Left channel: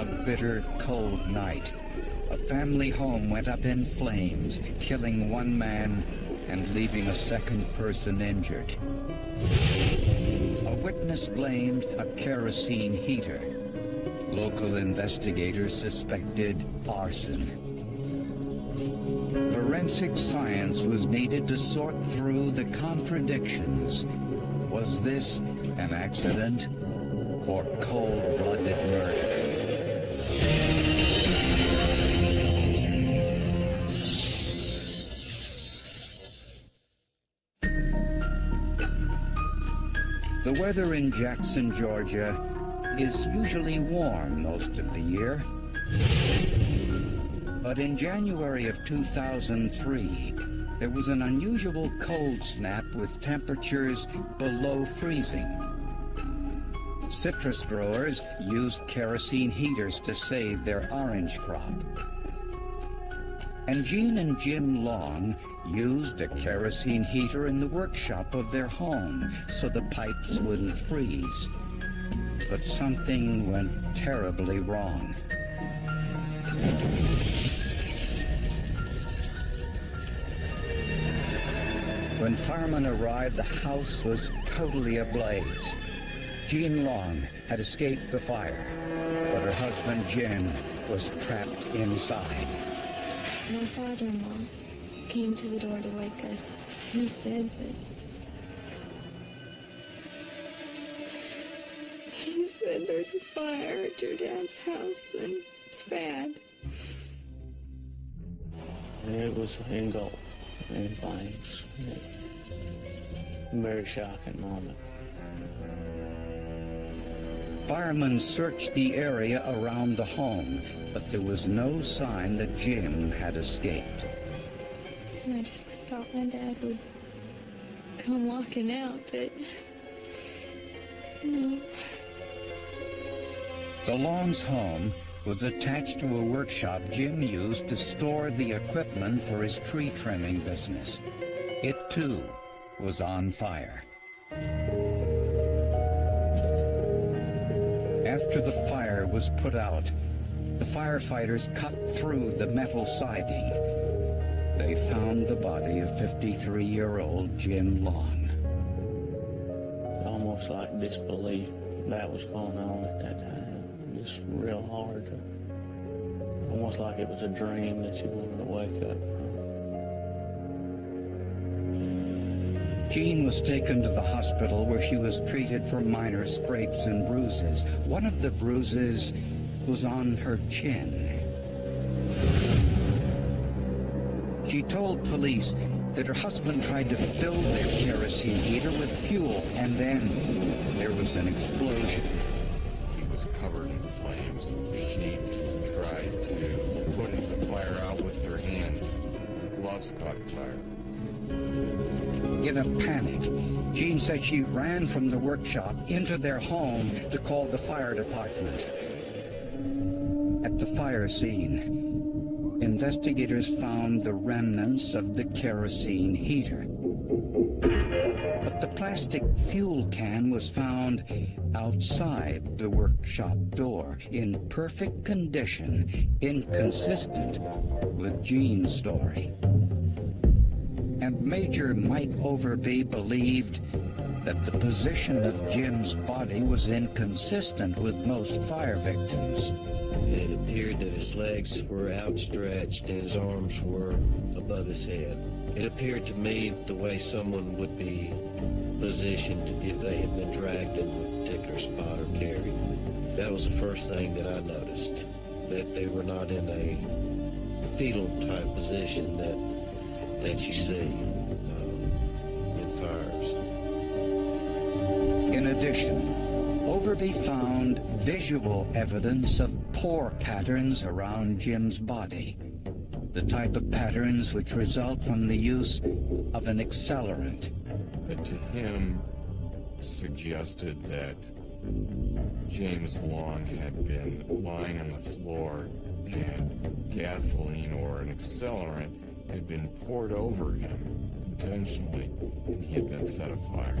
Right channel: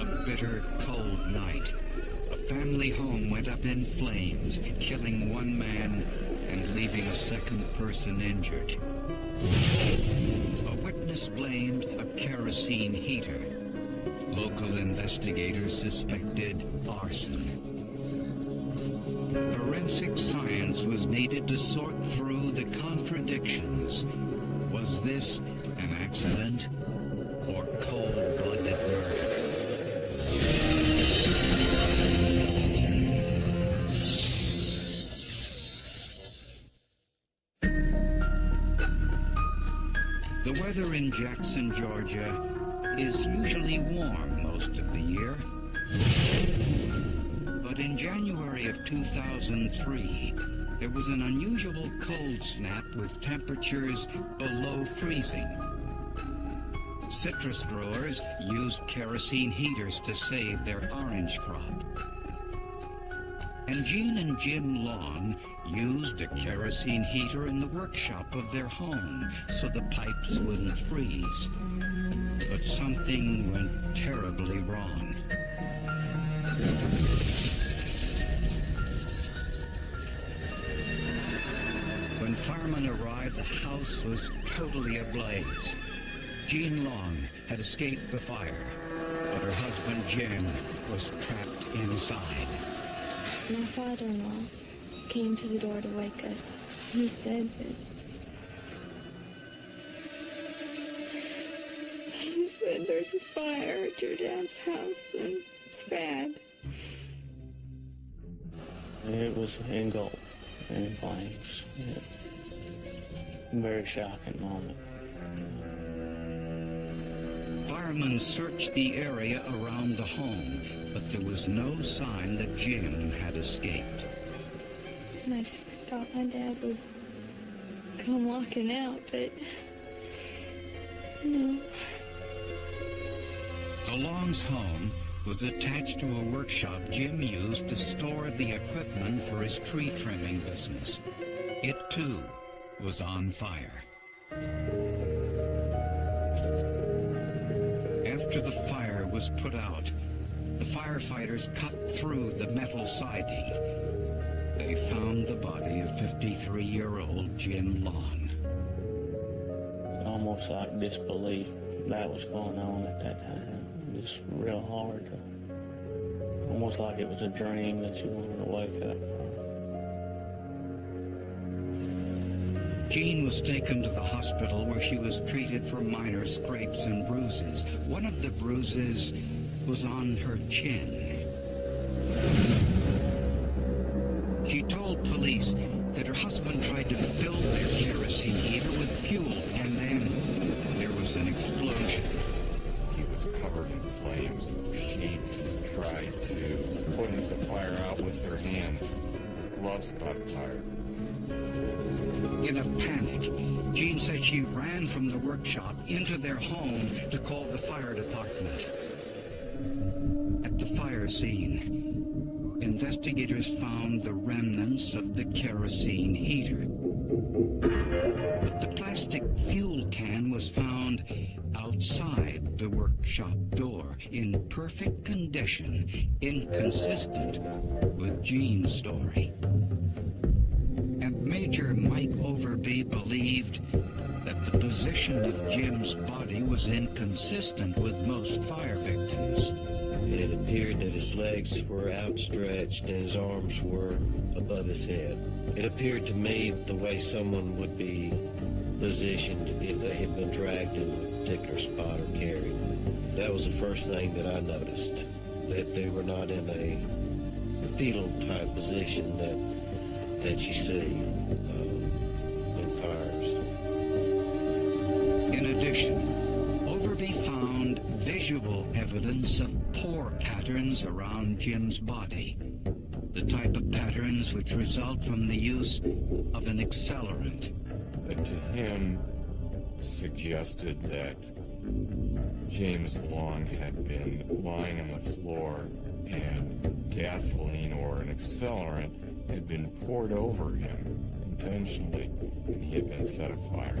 On a bitter, cold night, a family home went up in flames, killing one man and leaving a second person injured. A witness blamed a kerosene heater. Local investigators suspected arson. Forensic science was needed to sort through the contradictions. Was this an accident or cold-blooded murder? The weather in Jackson, Georgia, is usually warm most of the year. But in January of 2003, there was an unusual cold snap with temperatures below freezing. Citrus growers used kerosene heaters to save their orange crop. And Gene and Jim Long used a kerosene heater in the workshop of their home so the pipes wouldn't freeze. But something went terribly wrong. When firemen arrived, the house was totally ablaze. Jean Long had escaped the fire, but her husband Jim was trapped inside. My father-in-law came to the door to wake us. He said there's a fire at your dad's house and it's bad. It was engulfed in flames. Very shocking moment. Firemen searched the area around the home, but there was no sign that Jim had escaped. And I just thought my dad would come walking out, but no. The Longs' home was attached to a workshop Jim used to store the equipment for his tree trimming business. It, too, was on fire. After the fire was put out, the firefighters cut through the metal siding. They found the body of 53-year-old Jim Long. Almost like disbelief that was going on at that time. Just real hard to, almost like it was a dream that you wanted to wake up from. Jean was taken to the hospital where she was treated for minor scrapes and bruises. One of the bruises was on her chin. She told police that her husband tried to fill their kerosene heater with fuel, and then there was an explosion. He was covered in flames. She tried to put the fire out with her hands. Her gloves caught fire. In a panic, Jean said she ran from the workshop into their home to call the fire department. At the fire scene, investigators found the remnants of the kerosene heater. But the plastic fuel can was found outside the workshop door in perfect condition, inconsistent with Jean's story. And Major Mike Overby believed that the position of Jim's body was inconsistent with most fire victims. And it appeared that his legs were outstretched and his arms were above his head. It appeared to me the way someone would be positioned if they had been dragged into a particular spot or carried. That was the first thing that I noticed, that they were not in a fetal type position that you see in fires. In addition, Overby found visual evidence of pore patterns around Jim's body, the type of patterns which result from the use of an accelerant. That to him suggested that James Long had been lying on the floor and gasoline or an accelerant had been poured over him intentionally, and he had been set afire.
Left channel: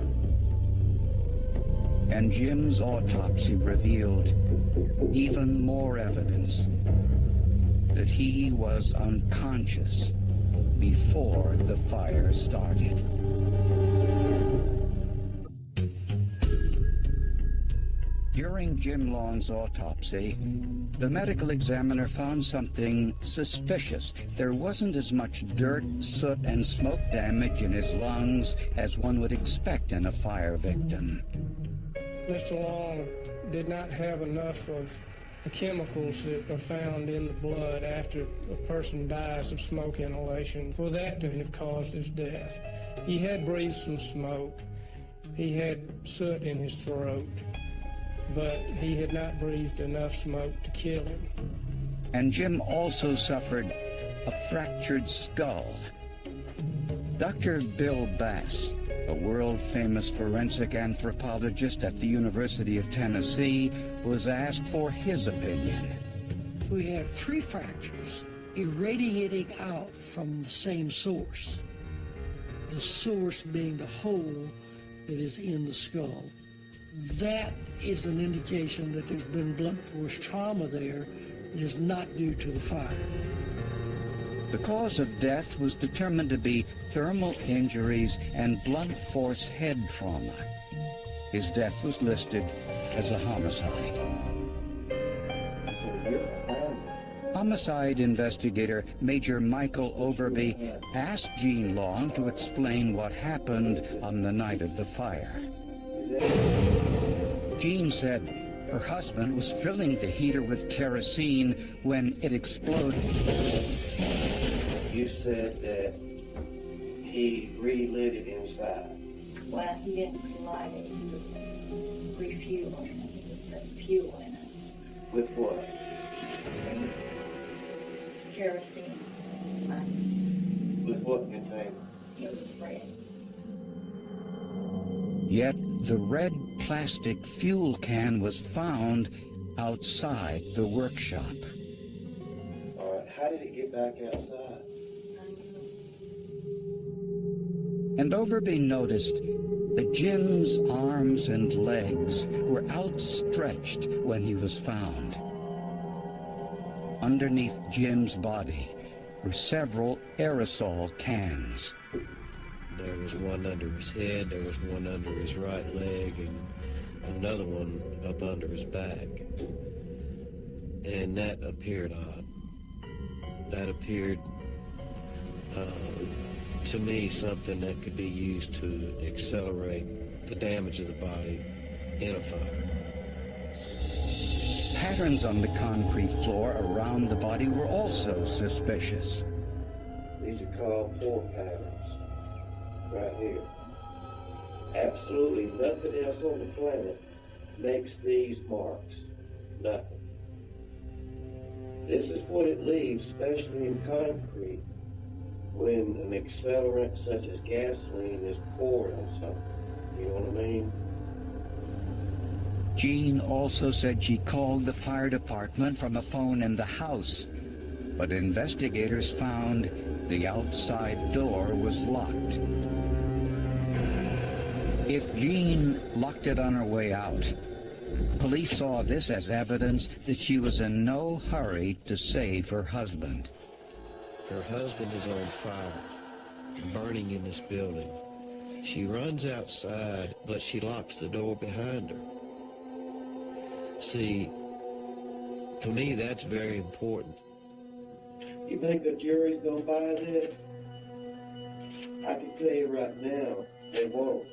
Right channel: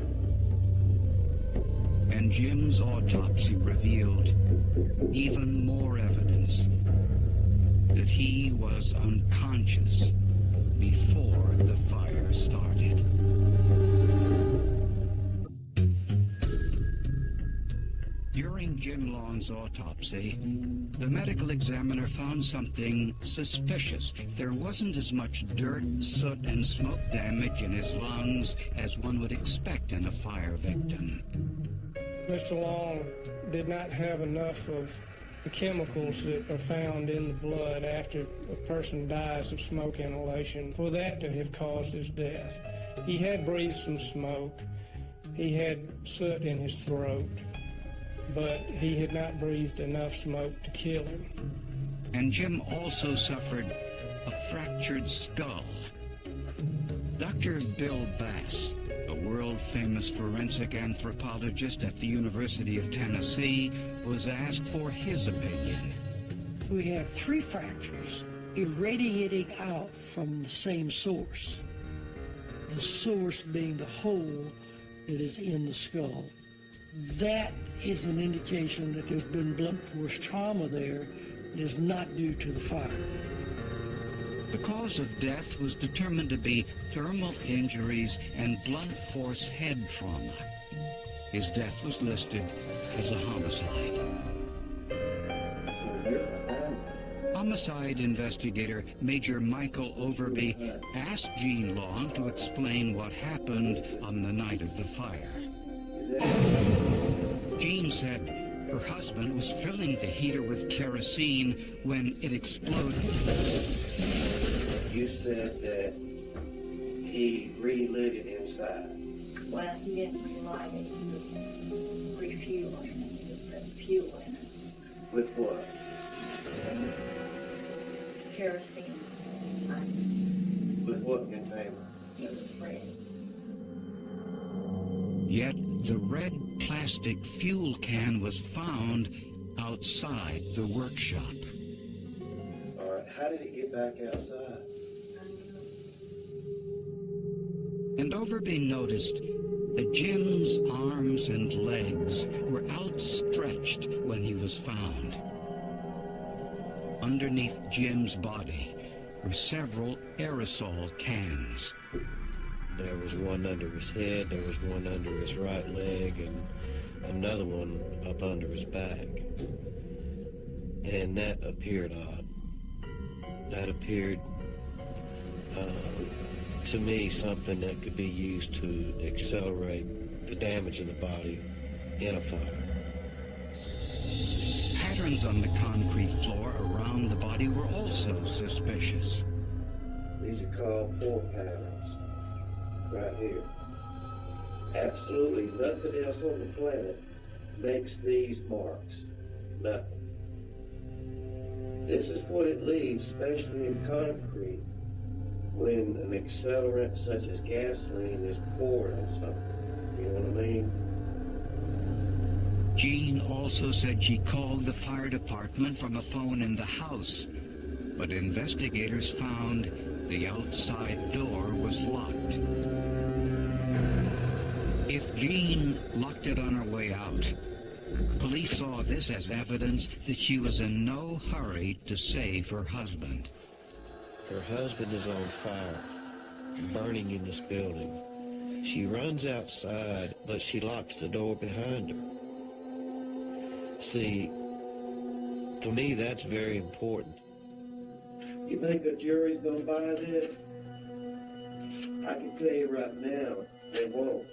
And Jim's autopsy revealed even more evidence that he was unconscious before the fire started. During Jim Long's autopsy, the medical examiner found something suspicious. There wasn't as much dirt, soot, and smoke damage in his lungs as one would expect in a fire victim. Mr. Long did not have enough of the chemicals that are found in the blood after a person dies of smoke inhalation for that to have caused his death. He had breathed some smoke. He had soot in his throat, but he had not breathed enough smoke to kill him. And Jim also suffered a fractured skull. Dr. Bill Bass, a world-famous forensic anthropologist at the University of Tennessee, was asked for his opinion. We have 3 fractures irradiating out from the same source, the source being the hole that is in the skull. That is an indication that there's been blunt force trauma there and is not due to the fire. The cause of death was determined to be thermal injuries and blunt force head trauma. His death was listed as a homicide. Homicide investigator Major Michael Overby asked Gene Long to explain what happened on the night of the fire. Jean said her husband was filling the heater with kerosene when it exploded. You said that he relit it inside. Well, he didn't relight it. He was refueling it. He was putting fuel in it. With what? The kerosene. With what container? It was red. Yet the red plastic fuel can was found outside the workshop. All right, how did it get back outside? And Overby noticed that Jim's arms and legs were outstretched when he was found. Underneath Jim's body were several aerosol cans. There was one under his head, there was one under his right leg, and another one up under his back. And that appeared odd. That appeared, to me, something that could be used to accelerate the damage of the body in a fire. Patterns on the concrete floor around the body were also suspicious. These are called pore patterns, right here. Absolutely nothing else on the planet makes these marks. Nothing. This is what it leaves, especially in concrete, when an accelerant such as gasoline is poured on something. You know what I mean? Jean also said she called the fire department from a phone in the house, but investigators found the outside door was locked. If Jean locked it on her way out, police saw this as evidence that she was in no hurry to save her husband. Her husband is on fire, burning in this building. She runs outside, but she locks the door behind her. See, to me, that's very important. You think the jury's gonna buy this? I can tell you right now, they won't.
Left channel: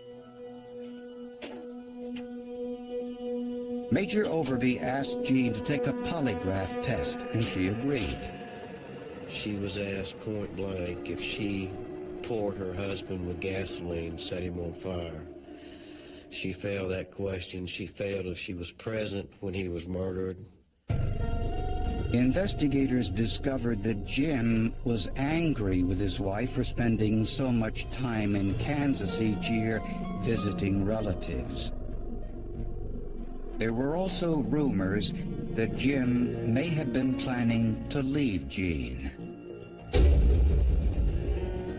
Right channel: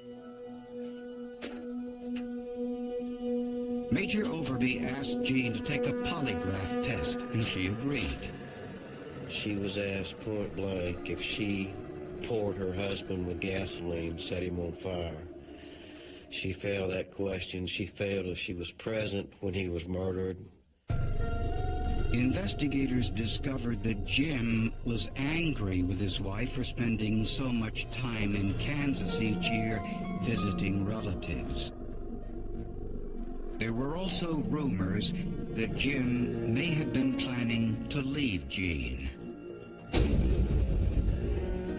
Major Overby asked Jean to take a polygraph test, and she agreed. She was asked point blank if she poured her husband with gasoline, set him on fire. She failed that question. She failed if she was present when he was murdered. Investigators discovered that Jim was angry with his wife for spending so much time in Kansas each year visiting relatives. There were also rumors that Jim may have been planning to leave Jean.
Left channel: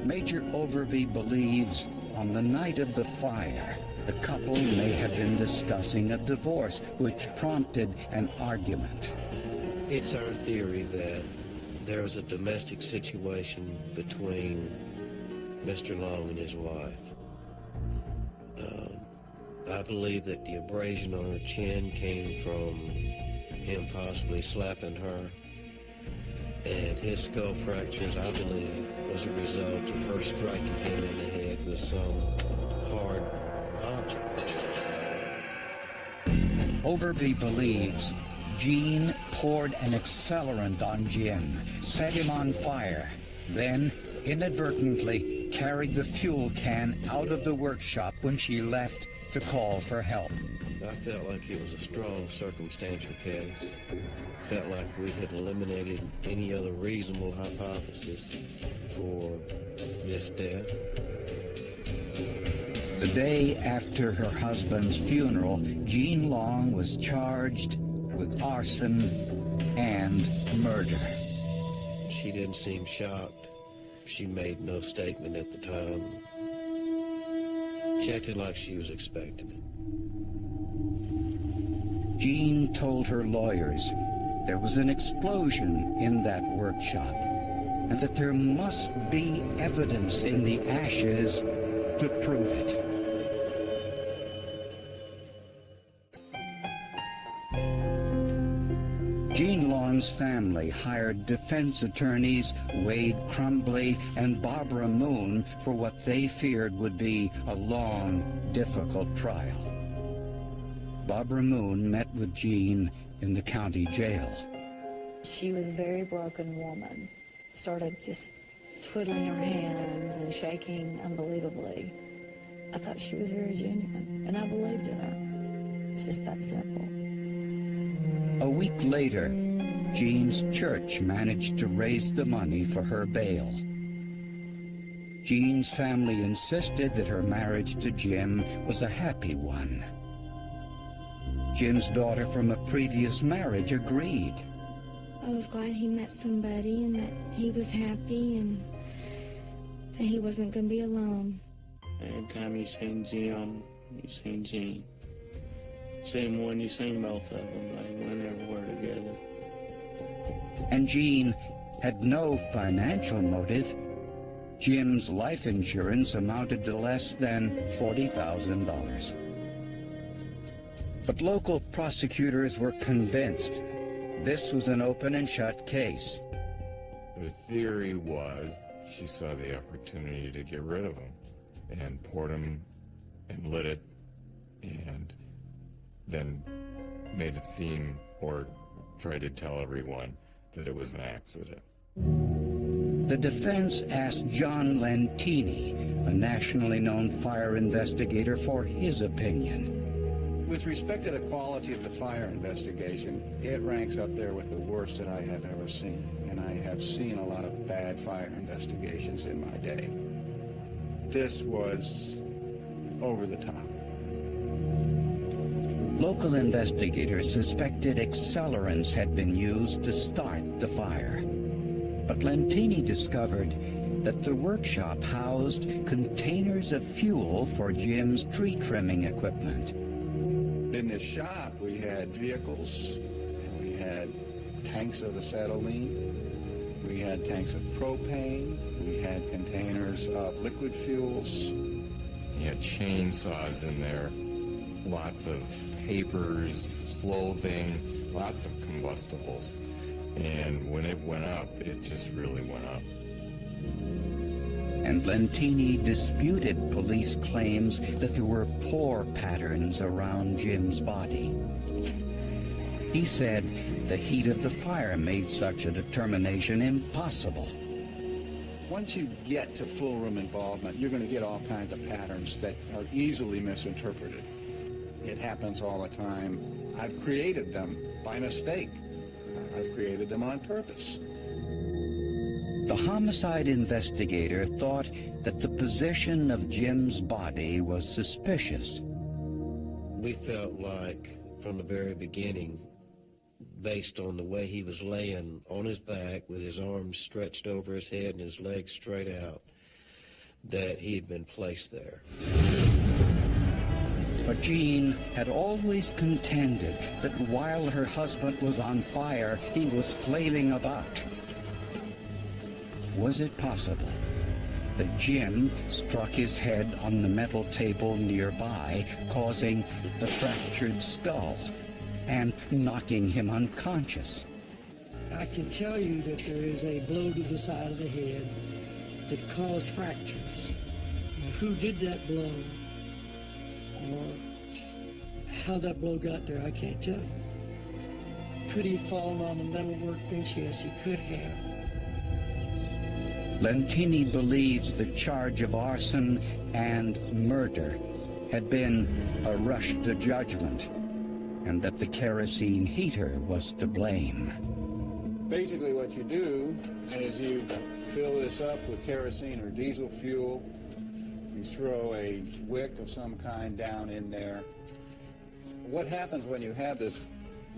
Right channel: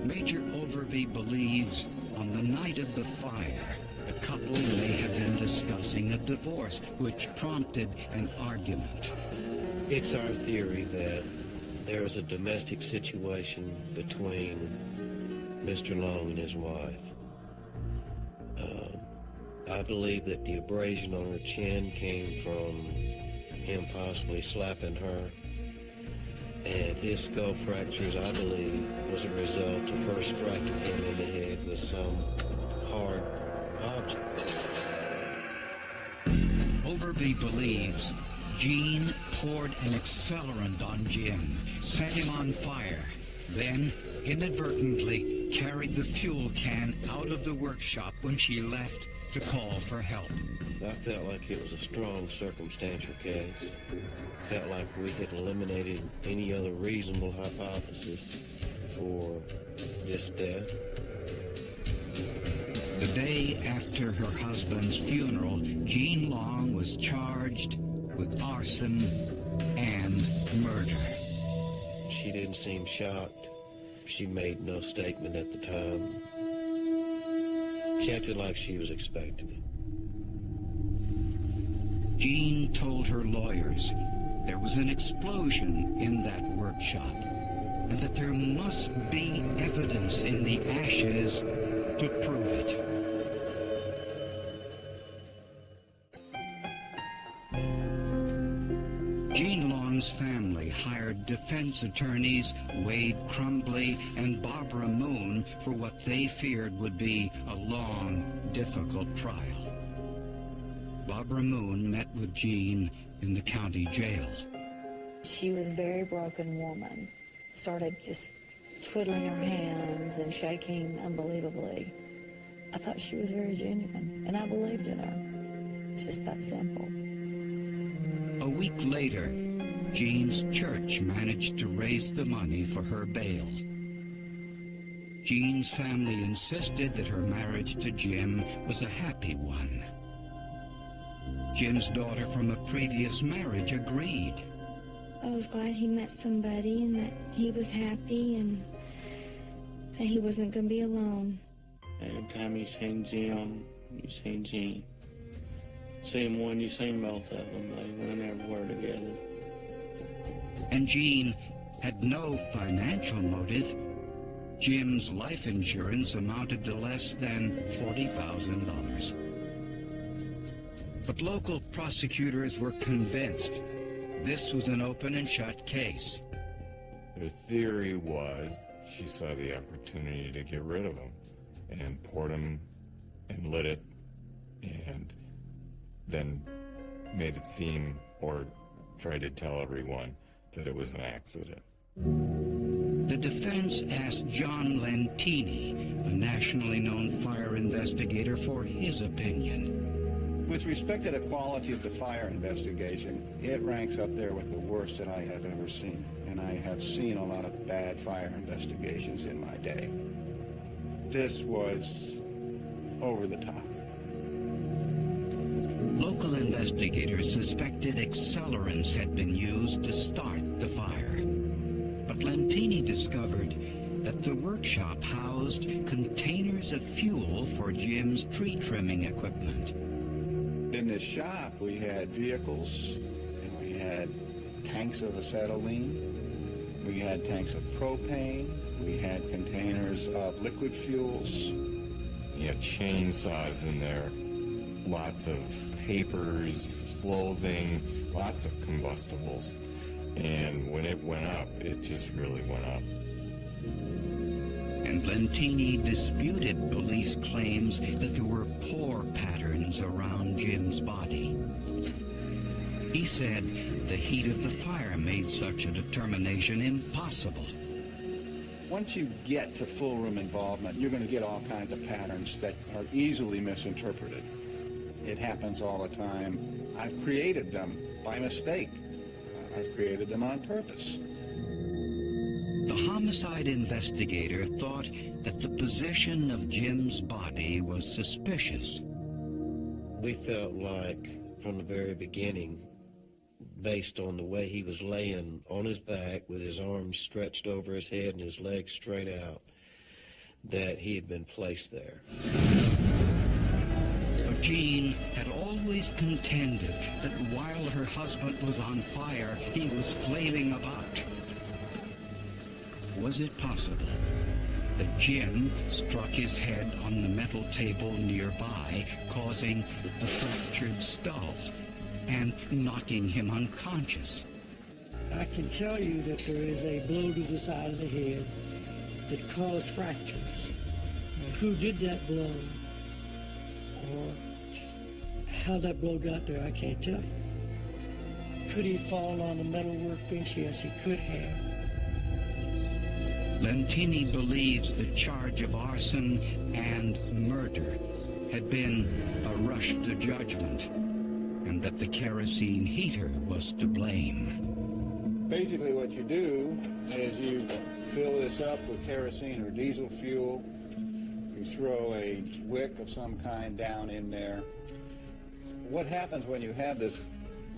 Major Overby believes on the night of the fire, The couple may have been discussing a divorce, which prompted an argument. It's our theory that there was a domestic situation between Mr. Long and his wife. I believe that the abrasion on her chin came from him possibly slapping her, and his skull fractures, I believe, was a result of her striking him in the head with some hard object. Overby believes Jean poured an accelerant on Jim, set him on fire, then inadvertently carried the fuel can out of the workshop when she left to call for help. I felt like it was a strong circumstantial case. Felt like we had eliminated any other reasonable hypothesis for this death. The day after her husband's funeral, Jean Long was charged with arson and murder. She didn't seem shocked. She made no statement at the time. She acted like she was expecting it. Jean told her lawyers there was an explosion in that workshop and that there must be evidence in the ashes to prove it. Jean Long's family hired defense attorneys Wade Crumbly and Barbara Moon for what they feared would be a long, difficult trial. Barbara Moon met with Jean in the county jail. She was a very broken woman. Started just twiddling her hands and shaking unbelievably. I thought she was very genuine, and I believed in her. It's just that simple. A week later, Jean's church managed to raise the money for her bail. Jean's family insisted that her marriage to Jim was a happy one. Jim's daughter from a previous marriage agreed. I was glad he met somebody and that he was happy and that he wasn't going to be alone. Every time you seen Jim, you seen Jean. Seen one, you seen both of them. They went everywhere together. And Jean had no financial motive. Jim's life insurance amounted to less than $40,000. But local prosecutors were convinced this was an open and shut case. Their theory was she saw the opportunity to get rid of him and poured him and lit it and then made it seem or tried to tell everyone that it was an accident. The defense asked John Lentini, a nationally known fire investigator, for his opinion. With respect to the quality of the fire investigation, it ranks up there with the worst that I have ever seen. And I have seen a lot of bad fire investigations in my day. This was over the top. Local investigators suspected accelerants had been used to start the fire. But Lentini discovered that the workshop housed containers of fuel for Jim's tree trimming equipment. In this shop, we had vehicles, and we had tanks of acetylene, we had tanks of propane, we had containers of liquid fuels. He had chainsaws in there, lots of papers, clothing, lots of combustibles. And when it went up, it just really went up. And Lentini disputed police claims that there were pore patterns around Jim's body. He said the heat of the fire made such a determination impossible. Once you get to full room involvement, you're going to get all kinds of patterns that are easily misinterpreted. It happens all the time. I've created them by mistake. I've created them on purpose. The homicide investigator thought that the position of Jim's body was suspicious. We felt like from the very beginning, based on the way he was laying on his back with his arms stretched over his head and his legs straight out, that he had been placed there. But Jean had always contended that while her husband was on fire, he was flailing about. Was it possible that Jim struck his head on the metal table nearby, causing the fractured skull and knocking him unconscious? I can tell you that there is a blow to the side of the head that caused fractures. Now, who did that blow or how that blow got there, I can't tell you. Could he have fallen on the metal workbench? Yes, he could have. Lentini believes the charge of arson and murder had been a rush to judgment, and that the kerosene heater was to blame. Basically what you do is you fill this up with kerosene or diesel fuel. You throw a wick of some kind down in there. What happens when you have this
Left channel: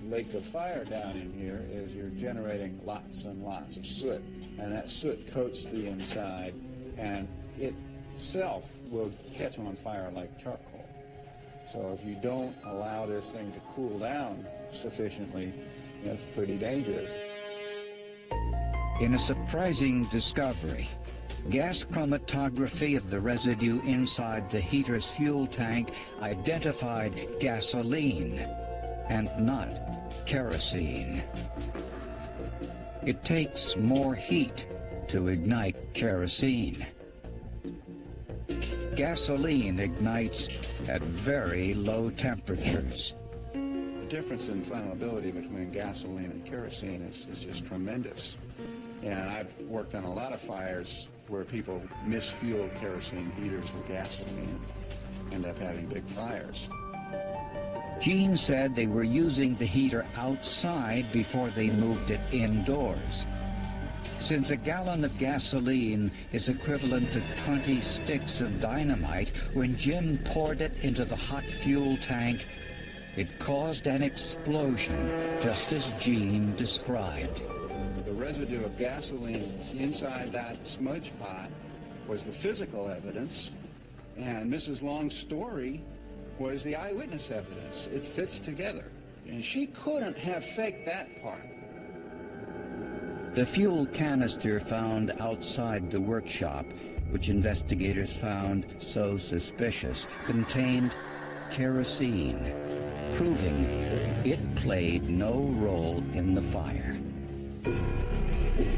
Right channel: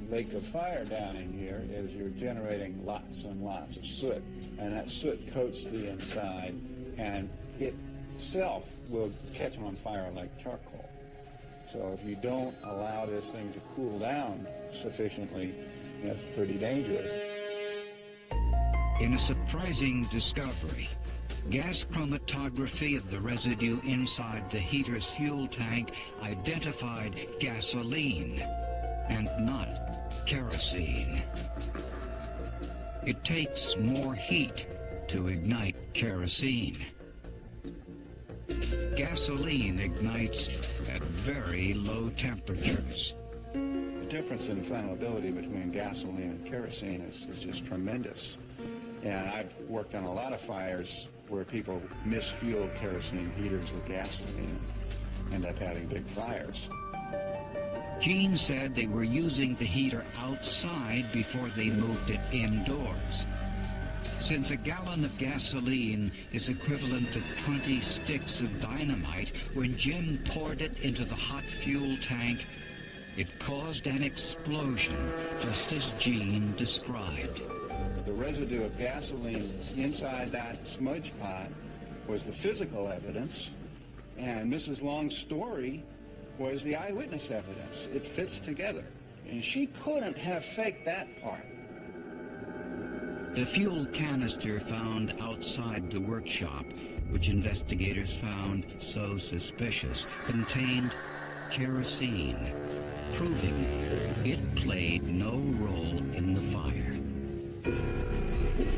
lake of fire down in here is you're generating lots and lots of soot. And that soot coats the inside, and it itself will catch on fire like charcoal. So if you don't allow this thing to cool down sufficiently, it's pretty dangerous. In a surprising discovery, gas chromatography of the residue inside the heater's fuel tank identified gasoline and not kerosene. It takes more heat to ignite kerosene. Gasoline ignites at very low temperatures. The difference in flammability between gasoline and kerosene is just tremendous. And I've worked on a lot of fires where people misfuel kerosene heaters with gasoline and end up having big fires. Jean said they were using the heater outside before they moved it indoors. Since a gallon of gasoline is equivalent to 20 sticks of dynamite, when Jim poured it into the hot fuel tank, it caused an explosion, just as Jean described. The residue of gasoline inside that smudge pot was the physical evidence, and Mrs. Long's story was the eyewitness evidence. It fits together. And she couldn't have faked that part. The fuel canister found outside the workshop, which investigators found so suspicious, contained kerosene, proving it played no role in the fire.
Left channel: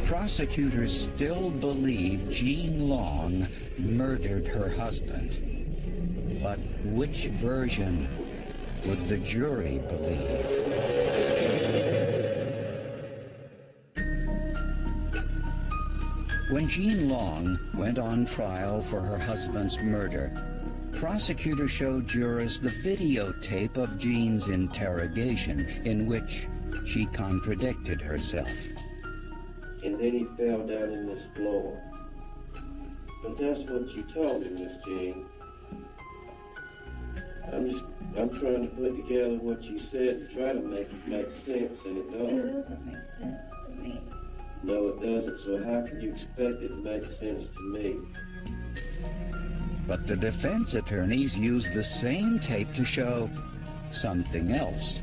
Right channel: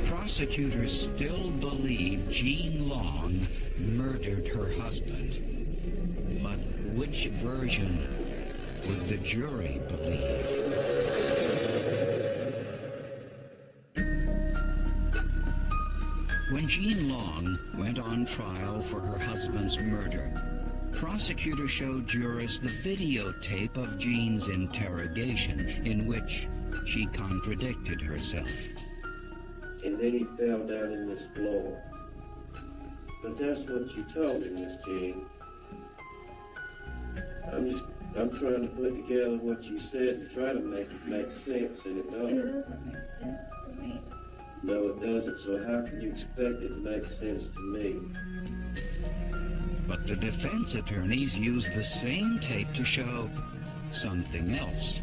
Prosecutors still believe Jean Long murdered her husband. But which version would the jury believe? When Jean Long went on trial for her husband's murder, prosecutors showed jurors the videotape of Jean's interrogation, in which she contradicted herself. And then he fell down in this floor. But that's what you told me, Miss Jean. I'm trying to put together what you said and try to make it make sense, and it don't. It doesn't make sense to me. No, it doesn't. So how can you expect it to make sense to me? But the defense attorneys used the same tape to show something else.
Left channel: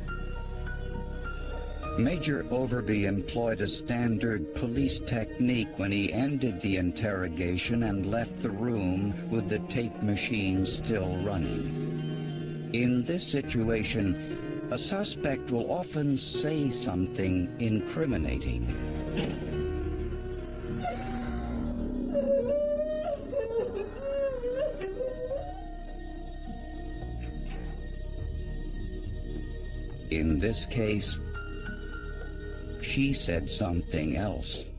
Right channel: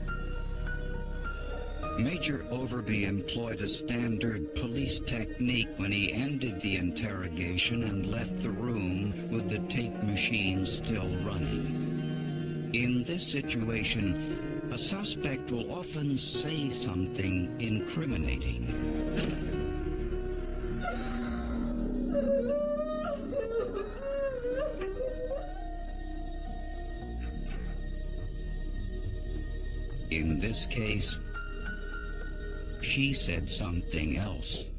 Major Overby employed a standard police technique when he ended the interrogation and left the room with the tape machine still running. In this situation, a suspect will often say something incriminating. In this case, she said something else.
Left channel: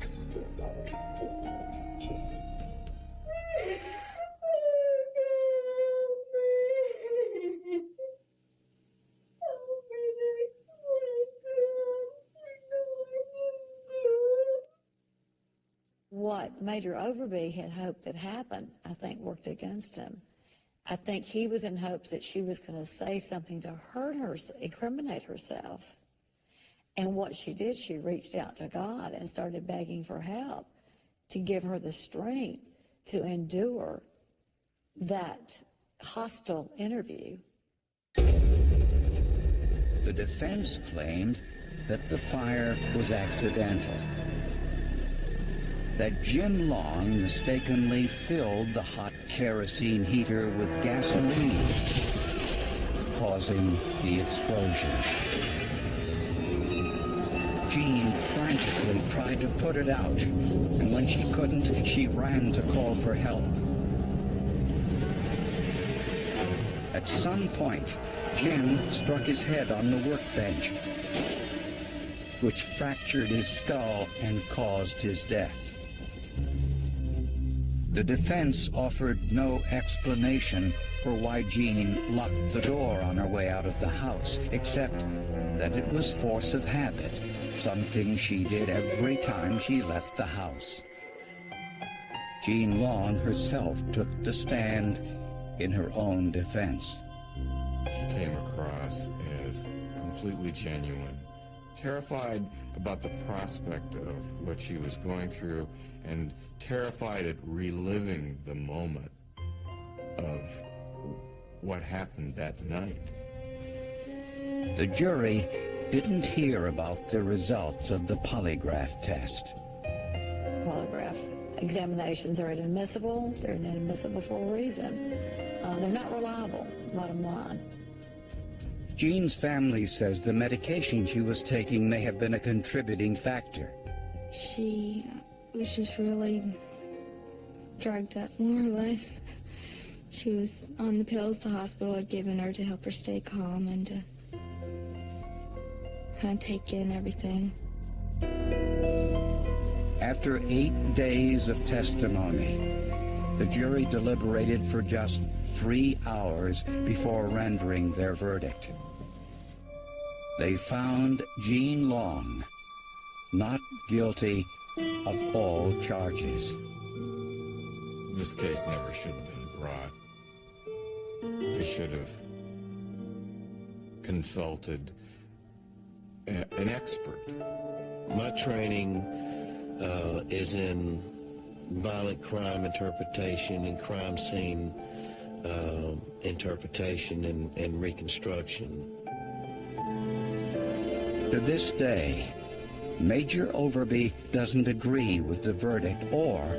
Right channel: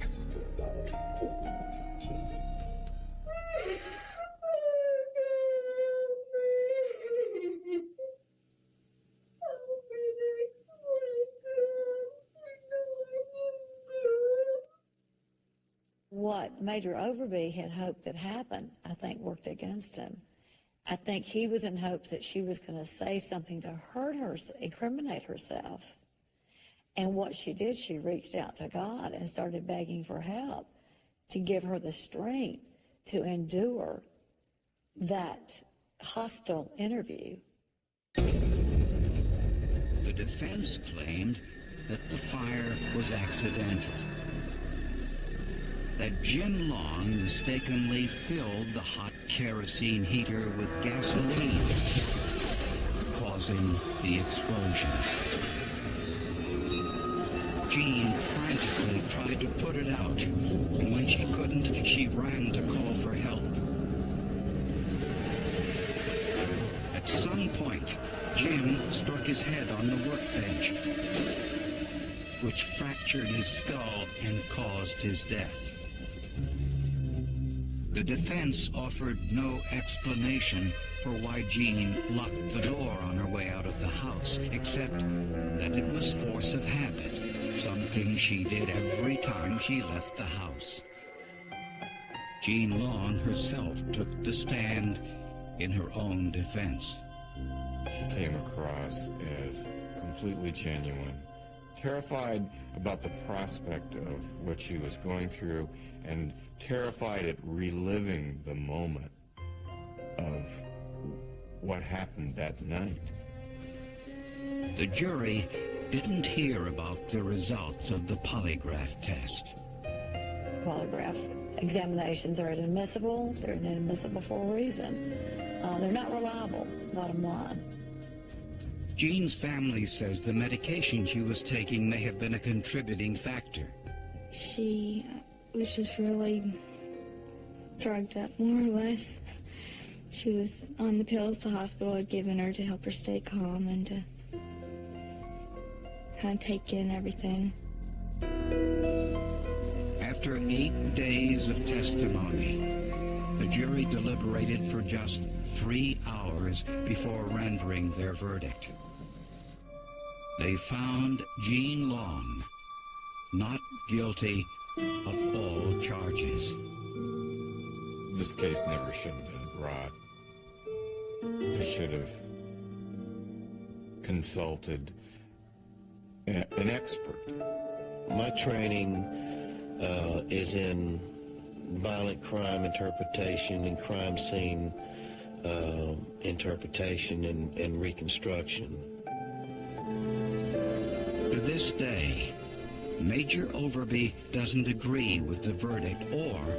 What Major Overby had hoped that happened, I think, worked against him. I think he was in hopes that she was going to say something to hurt her, incriminate herself. And what she did, she reached out to God and started begging for help to give her the strength to endure that hostile interview. The defense claimed that the fire was accidental, that Jim Long mistakenly filled the hot kerosene heater with gasoline, causing the explosion. Jean frantically tried to put it out, and when she couldn't, she ran to call for help. At some point, Jim struck his head on the workbench, which fractured his skull and caused his death. The defense offered no explanation for why Jean locked the door on her way out of the house, except that it was force of habit, something she did every time she left the house. Jean Long herself took the stand in her own defense. She came across as completely genuine, terrified about the prospect of what she was going through, and terrified at reliving the moment of what happened that night. The jury didn't hear about the results of the polygraph test. Polygraph examinations are inadmissible. They're inadmissible for a reason. They're not reliable, bottom line. Jean's family says the medication she was taking may have been a contributing factor. She was just really drugged up, more or less. She was on the pills the hospital had given her to help her stay calm and to kind of take in everything. After 8 days of testimony, the jury deliberated for just 3 hours before rendering their verdict. They found Jean Long not guilty of all charges. This case never should have been brought. They should have consulted an expert. My training is in violent crime interpretation and crime scene interpretation and reconstruction. To this day, Major Overby doesn't agree with the verdict or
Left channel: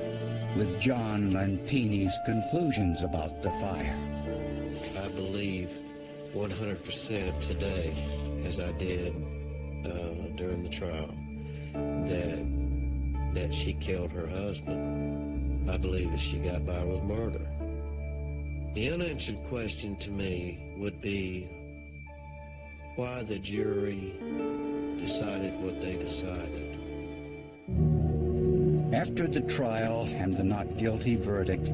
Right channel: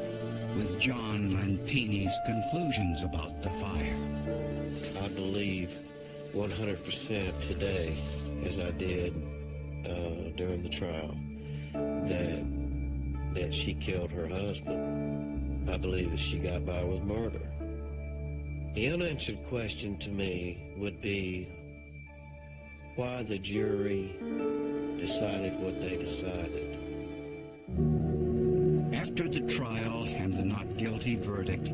with John Lentini's conclusions about the fire. I believe 100% today, as I did during the trial, that she killed her husband. I believe that she got by with murder. The unanswered question to me would be why the jury decided what they decided. After the trial and the not guilty verdict,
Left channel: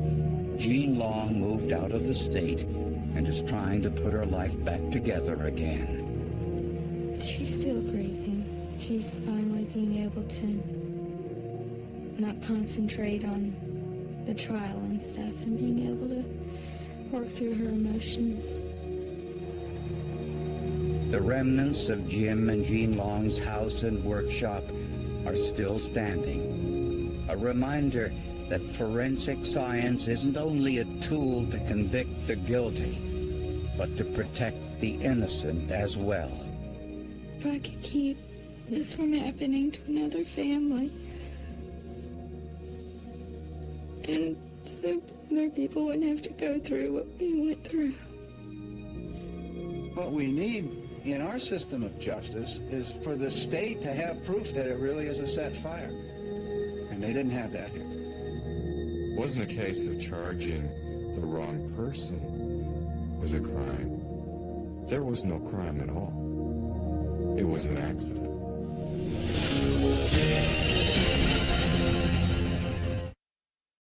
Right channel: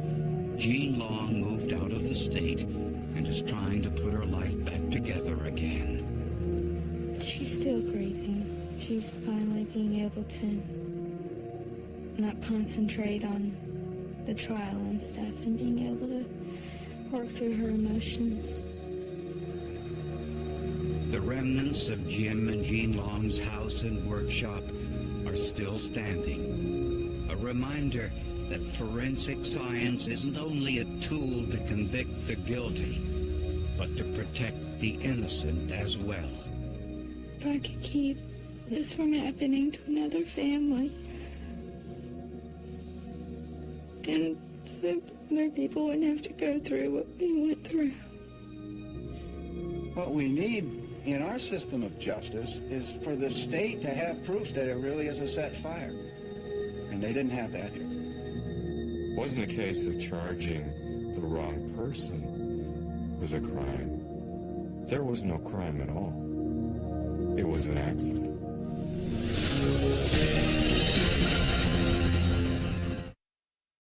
Jean Long moved out of the state and is trying to put her life back together again. She's still grieving. She's finally being able to not concentrate on the trial and stuff and being able to work through her emotions. The remnants of Jim and Jean Long's house and workshop are still standing. A reminder that forensic science isn't only a tool to convict the guilty, but to protect the innocent as well. If I could keep this from happening to another family, and so other people wouldn't have to go through what we went through. What we need in our system of justice is for the state to have proof that it really is a set fire. And they didn't have that here. It wasn't a case of charging the wrong person with a crime. There was no crime at all. It was an accident.